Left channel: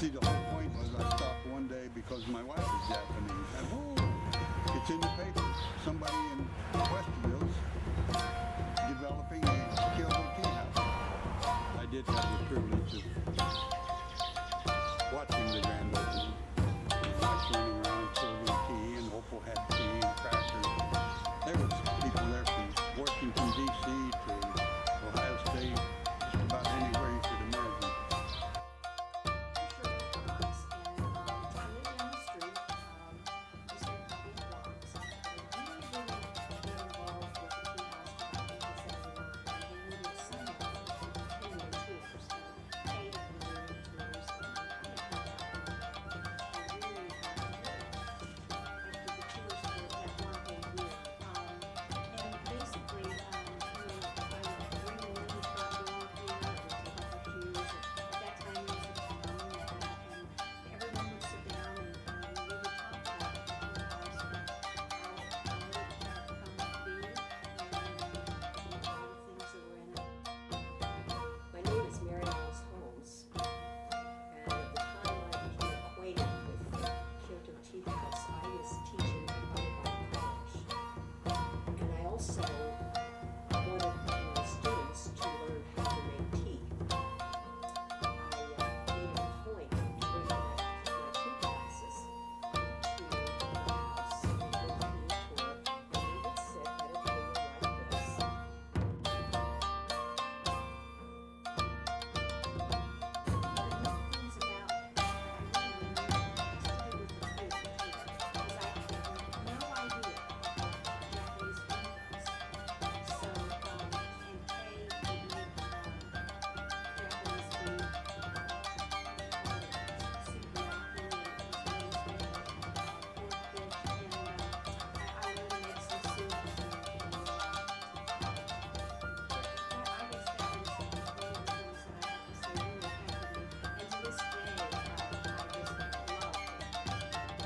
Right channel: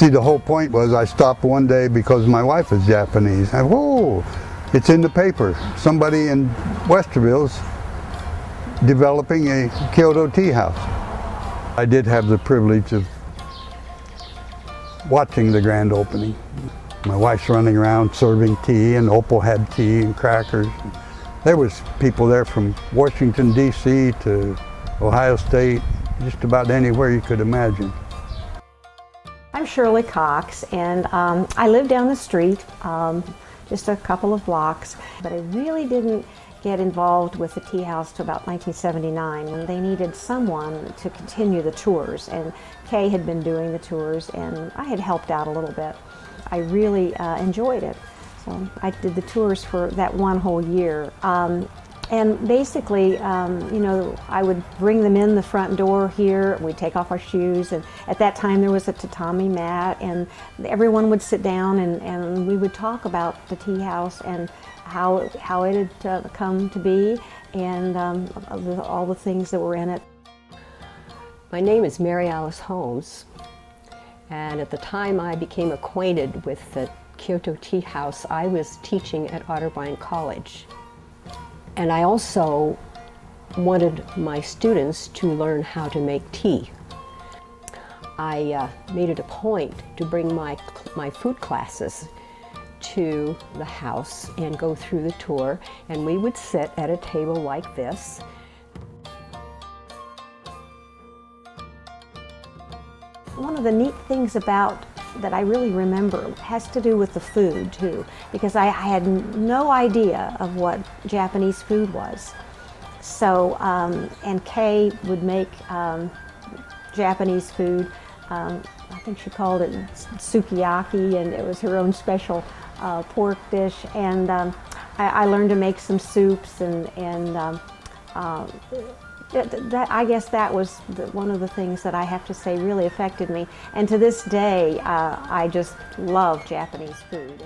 See, the whole point was I stopped one day because my wife is Japanese. And whoa, it's in the paper. Somebody in Westerville's developing a Kyoto Tea House. I did have the privilege of watching the grand opening. My wife's running around serving tea, and Opal had tea and crackers. There was people there from Washington, D.C. to Ohio State, just about anywhere you could imagine. I'm Shirley Cox, and I live down the street, just a couple of blocks, but I really didn't get involved with the tea house till about 1979, and they needed someone to continue the tours, and Kay had been doing the tours, and I had helped out a little bit. I really enjoyed it. So I did the tours for that one whole year. And basically, you know, I would bring them in the front door here, we'd take off our shoes, and at that time there was a tatami mat, and everyone would sit down and we would talk about the tea house and how it had come to be, and all the things that were in it. My name is Mary Alice Holmes, and at the time I became acquainted with the Kyoto Tea House, I was teaching at Otterbein College. And I also wanted my students to learn how to make tea. I made it a point to bring my food classes to the house and go through the tour, and we would sit at a table like this. One of the neat things about that I really remember has to do with the food too, because I had no idea of what Japanese food was. So, and Kay would make Japanese food. I think she called it sukiyaki, and it was her own special pork dish. And I learned to make some soups, I guess that was one of the things that I have to say really affected me. And to this day, I just love Japanese food.